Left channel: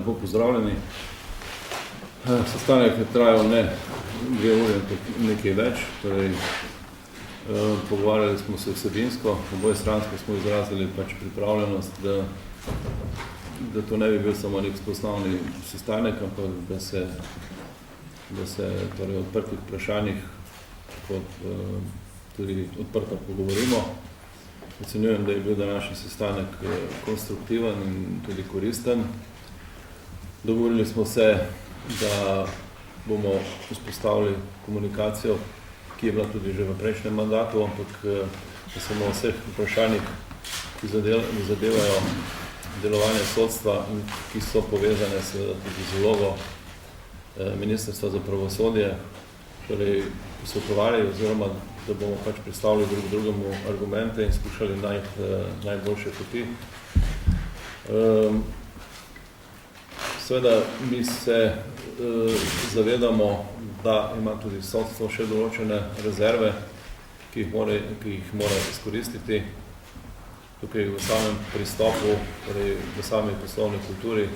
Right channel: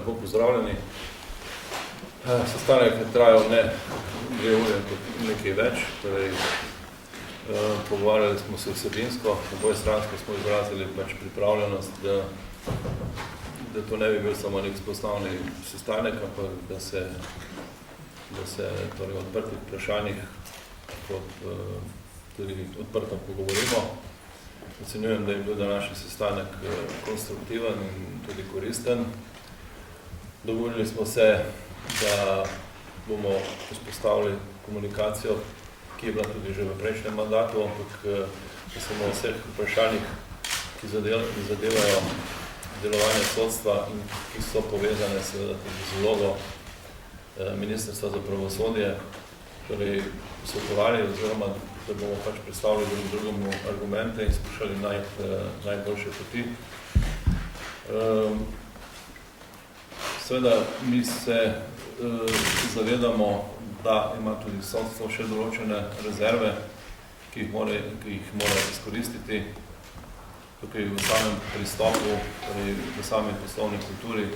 lepo pozdravljeni. Sestanek je trajal ne 2 ure, nekaj več, torej pogovarjali smo se vsebinsko, obojestransko smo izrazili pač pripravljenost, da to ne bi bil samo nek spoznavni sestanek, ampak da se torej o odprtih vprašanjih tudi odprto pogovorimo. Ocenjujem, da je bil današnji sestanek konstruktiven in tudi koristen. Dogovorili smo se, da bomo vzpostavili komunikacijo, ki je bila tudi že v prejšnjem mandatu, ampak da se bomo o vseh vprašanjih, ki zadevajo delovanje sodstva in ki so povezane seveda tudi z vlogo Ministrstva za pravosodje, torej posvetovali oziroma da bomo pač predstavili drugemu argumente in skušali najti najboljše poti. Seveda mi se zavedamo, da ima tudi sodstvo še določene rezerve, ki jih mora izkoristiti tukaj v samem pristopu, torej v sami poslovni kulturi.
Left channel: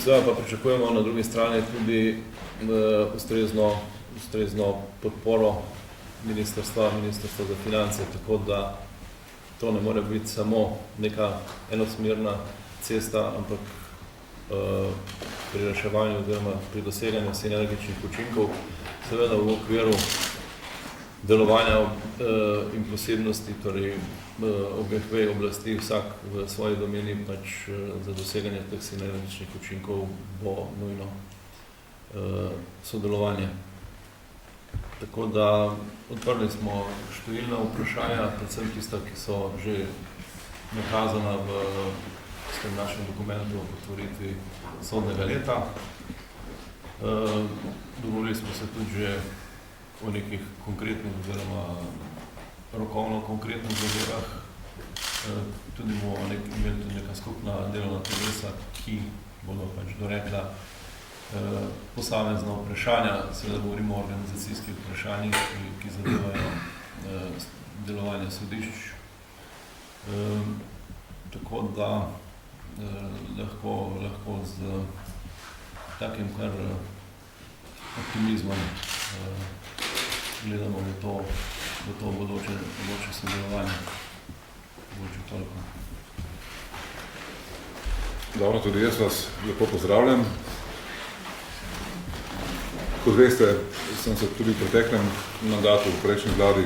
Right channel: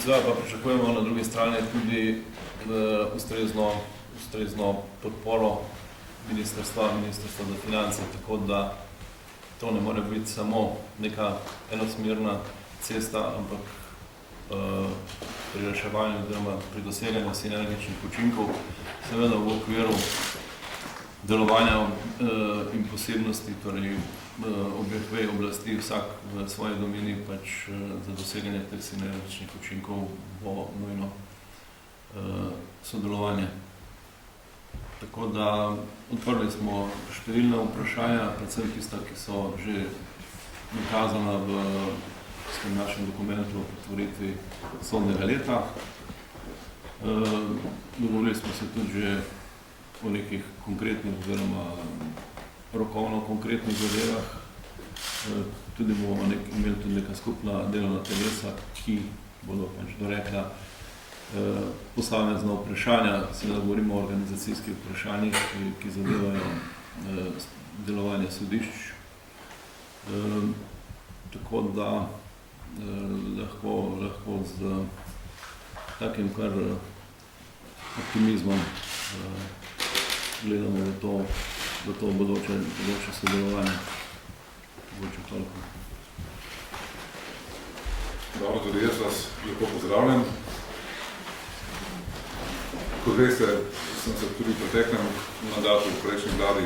Seveda pa pričakujemo na drugi strani tudi ustrezno podporo Ministrstva za finance, tako da to ne more biti samo neka enosmerna cesta, ampak pri reševanju oziroma pri doseganju sinergičnih učinkov, seveda v okviru delovanja in posebnosti, torej obeh vej oblasti, vsak v svoji domeni pač za doseganje teh sinergičnih učinkov bo nujno sodelovanje. Tako da odprli smo številna vprašanja, predvsem tista, ki so že nakazana v tem našem dokumentu o otvoritvi sodnega leta. Dogovorili smo se tudi že o nekih konkretnih oziroma rokovno konkretnih zadevah. Tudi bomo imeli tudi neka skupna delovna telesa, ki bodo pač dorekla posamezna vprašanja, seveda govorimo o organizacijskih vprašanjih, ki zadevajo delovanje sodišč. Tako da lahko z takim kar optimizmom gledamo v to bodoče sodelovanje. Bodoče toliko. Dobro, tudi jaz vas lepo pozdravljam. Kot veste, sem se tudi v preteklem mandatu v prejšnji vladi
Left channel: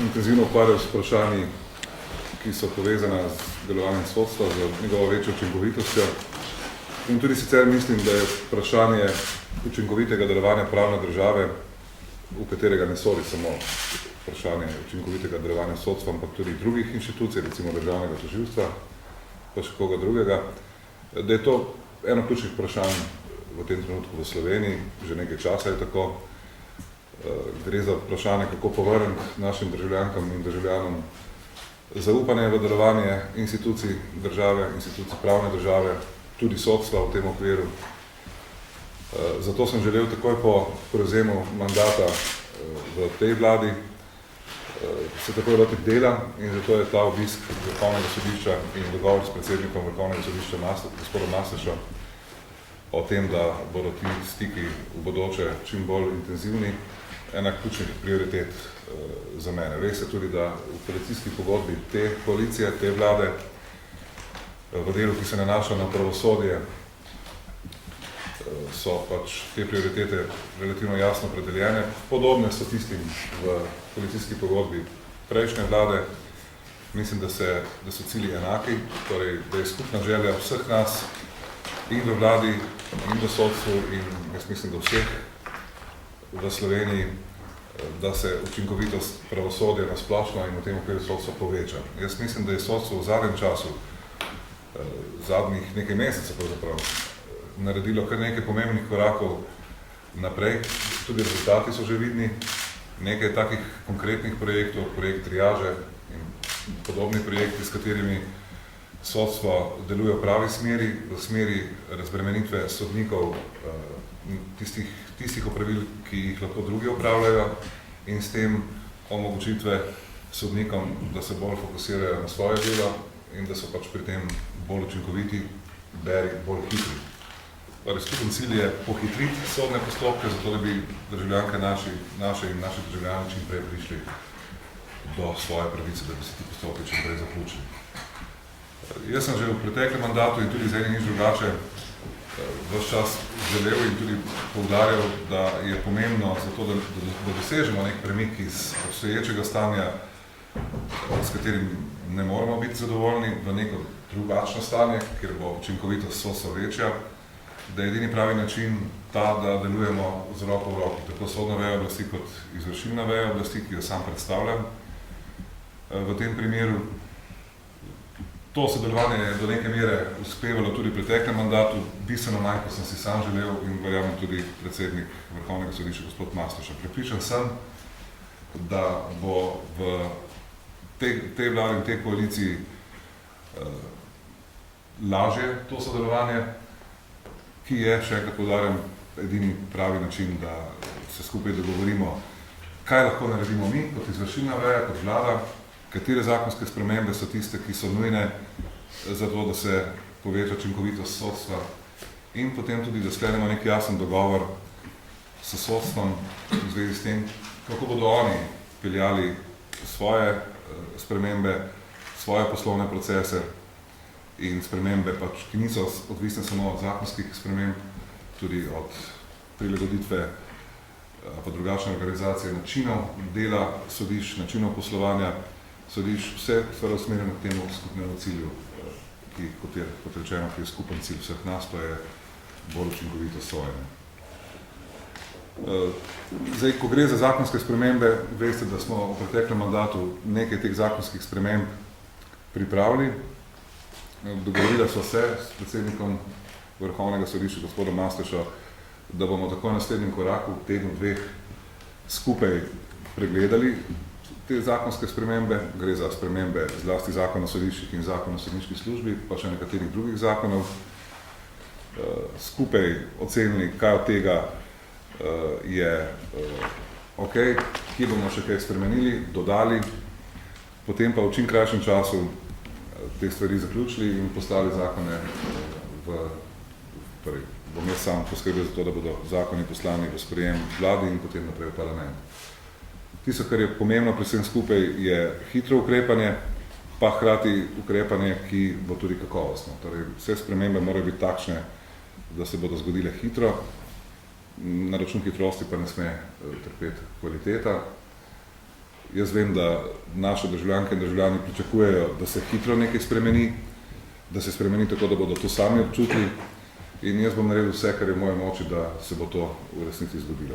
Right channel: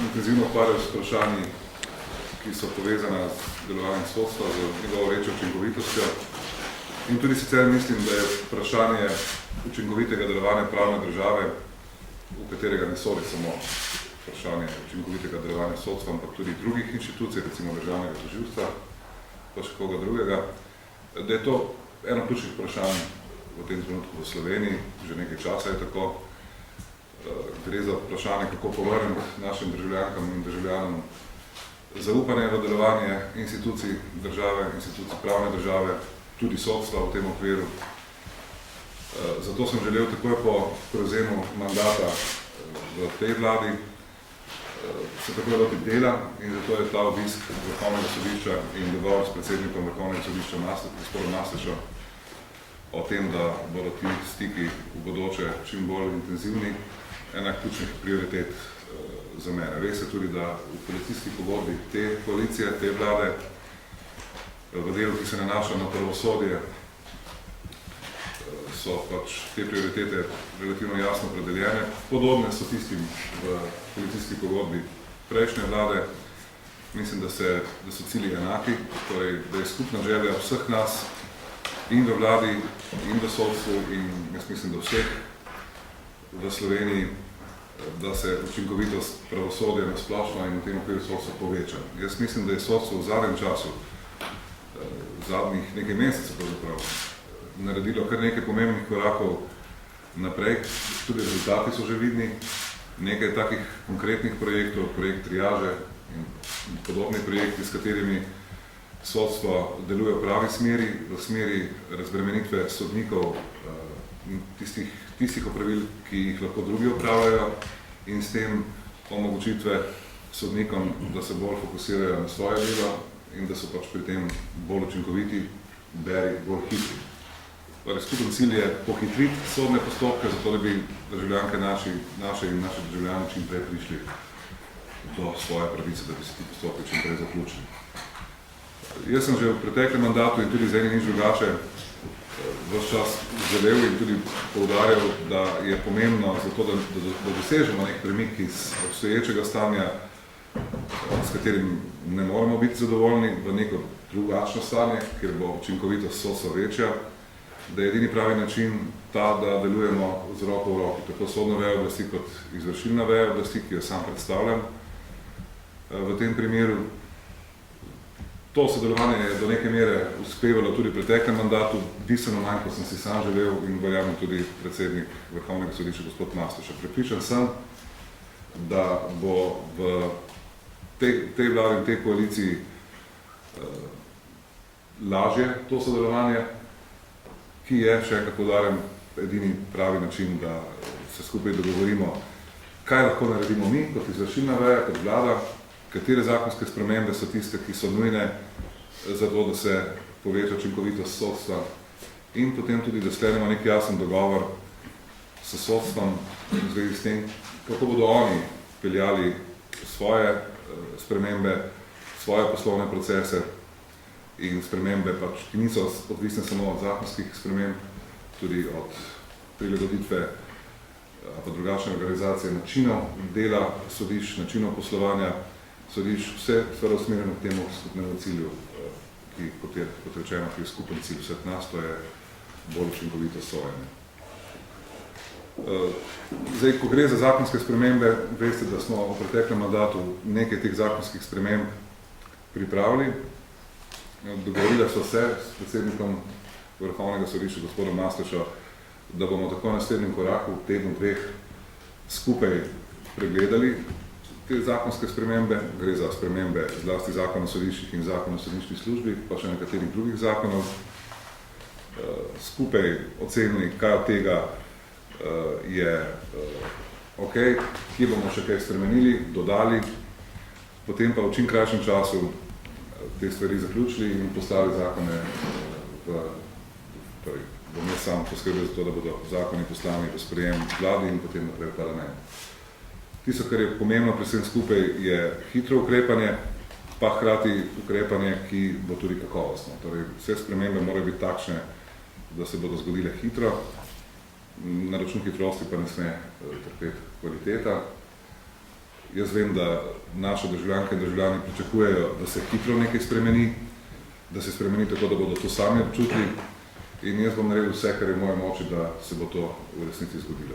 intenzivno ukvarjal s vprašanji, ki so povezana z delovanjem sodstva, z njegovo večjo učinkovitostjo. In tudi sicer mislim, da je vprašanje učinkovitega delovanja pravne države, v katerega ne sodi samo vprašanje učinkovitega delovanja sodstva, ampak tudi drugih inštitucij, recimo državnega tožilstva, pa še koga drugega, da je to eno ključnih vprašanj v tem trenutku v Sloveniji, že nekaj časa je tako. Gre za vprašanje, kako povrniti našim državljankam in državljanom zaupanje v delovanje institucij države, institucij pravne države, tudi sodstva v tem okviru. Zato sem želel takoj po prevzemu mandata v tej vladi se takoj lotiti dela in zato je ta obisk Vrhovnega sodišča in dogovor s predsednikom Vrhovnega sodišča gospodom Masleša o tem, da bodo ti stiki v bodoče čim bolj intenzivni, ena ključnih prioritet za mene. Res je tudi, da v koalicijski pogodbi te koalicije, te vlade, v delu, ki se nanaša na pravosodje, so pač te prioritete relativno jasno opredeljene. Podobne so tistim v koalicijski pogodbi prejšnje vlade. Mislim, da so cilji enaki, torej, da je skupna želja vseh nas in v vladi, in v sodstvu, in jaz mislim, da vseh v Sloveniji, da se učinkovitost pravosodja na splošno in v tem okviru sodstva poveča. Jaz mislim, da je sodstvo v zadnjem času, zadnjih nekaj mesecev pravzaprav, naredilo kar nekaj pomembnih korakov naprej, tudi rezultati so že vidni, nekaj takih konkretnih projektov, projekt triaže in podobni projekti, s katerimi sodstvo deluje v pravi smeri, v smeri razbremenitve sodnikov tistih opravil, ki jih lahko drugi opravljajo in s tem omogočitve sodnikom, da se bolj fokusirajo na svoje delo in da so pač pri tem bolj učinkoviti, bolj hitri. Torej, skupen cilj je pohitriti sodne postopke, zato da bi državljanke naše in naši državljani čim prej prišli do svoje pravice, da bi se ti postopki čim prej zaključili. Jaz sem že v preteklem mandatu in tudi z enim nič drugače ves čas želel in tudi poudarjal, da je pomembno zato, da dosežemo nek premik iz obstoječega stanja, s katerim ne moramo biti zadovoljni, v neko drugačno stanje, kjer bo učinkovitost sodstva večja, da je edini pravi način ta, da delujemo z roko v roki, tako sodno vejo oblasti kot izvršilna veja oblasti, ki jo sam predstavljam. V tem primeru to sodelovanje je do neke mere uspevalo tudi v preteklem mandatu, bistveno manj, kot sem si sam želel in verjamem tudi predsednik Vrhovnega sodišča gospod Mastoša. Prepričan sem, da bo v tej vladi in tej koaliciji lažje to sodelovanje, ki je, še enkrat poudarjam, edini pravi način, da se skupaj dogovorimo, kaj lahko naredimo mi kot izvršilna veja, kot vlada, katere zakonske spremembe so tiste, ki so nujne za to, da se poveča učinkovitost sodstva in potem tudi, da sklenemo nek jasen dogovor s sodstvom v zvezi s tem, kako bodo oni peljali svoje spremembe, svoje poslovne procese in spremembe, pač, ki niso odvisne samo od zakonskih sprememb, tudi od prilagoditve pa drugačne organizacije načinov dela sodišč, načinov poslovanja sodišč, vse stvar usmerjeno k temu skupnemu cilju, ki, kot rečeno, ki je skupen cilj vseh nas, to je bolj učinkovito sojenje. Zdaj, ko gre za zakonske spremembe, veste, da smo v preteklem mandatu nekaj teh zakonskih sprememb pripravili. Dogovorila so se s predsednikom Vrhovnega sodišča gospodom Mastoša, da bomo tako v naslednjem koraku, v tednu, dveh, skupaj pregledali te zakonske spremembe. Gre za spremembe zlasti zakona o sodiščih in zakona o sodniški službi, pa še nekaterih drugih zakonov. Skupaj ocenili, kaj od tega je ok, kje bomo še kaj spremenili, dodali, potem pa v čim krajšem času te stvari zaključili in poslali zakone bom jaz sam poskrbel za to, da bodo zakoni poslani v sprejem vladi in potem naprej v parlament. Tisto, kar je pomembno pri vsem skupaj, je hitro ukrepanje, pa hkrati ukrepanje, ki bo tudi kakovostno. Torej, vse spremembe morajo biti takšne, da se bodo zgodile hitro, na račun hitrosti pa ne sme trpeti kvaliteta. Jaz vem, da naše državljanke in državljani pričakujejo, da se hitro nekaj spremeni, da se spremeni tako, da bodo to sami občutili in jaz bom naredil vse, kar je v moje moči, da se bo to v resnici zgodilo.